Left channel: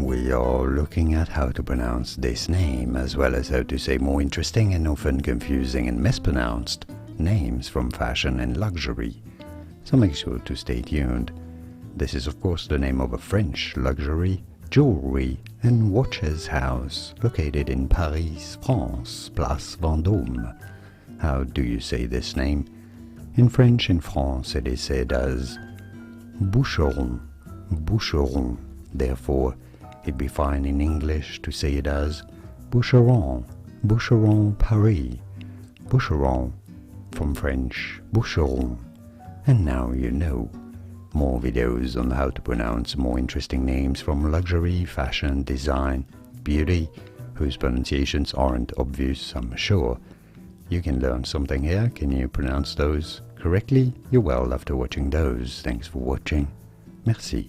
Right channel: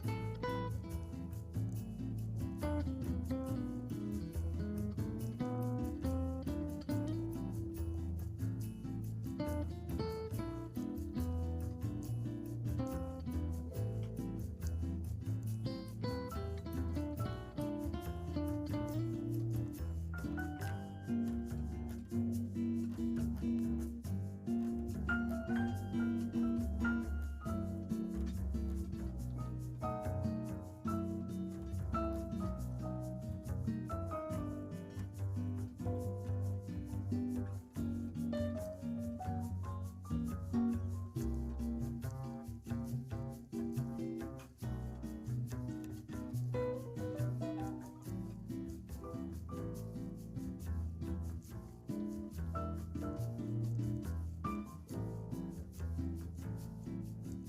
We are looking at how to pronounce this name, as well as how to say more interesting and often confusing and mispronounced names from fashion and luxury. So make sure to stay tuned. This is of course the name of a French luxury, jewelry and watches house located in Paris, France, Place Vendôme. How do you say this name? In French in France it is said as Boucheron, Boucheron. Therefore, it'd be fine in English to say it as Boucheron, Boucheron Paris, Boucheron from French Boucheron. And now you know. More videos on how to pronounce more interesting names from luxury, fashion, design, beauty, whose pronunciations aren't obvious, I'm sure. You can learn something here. Can you pronounce those correctly? You're well after watching those. Thanks for watching. Merci.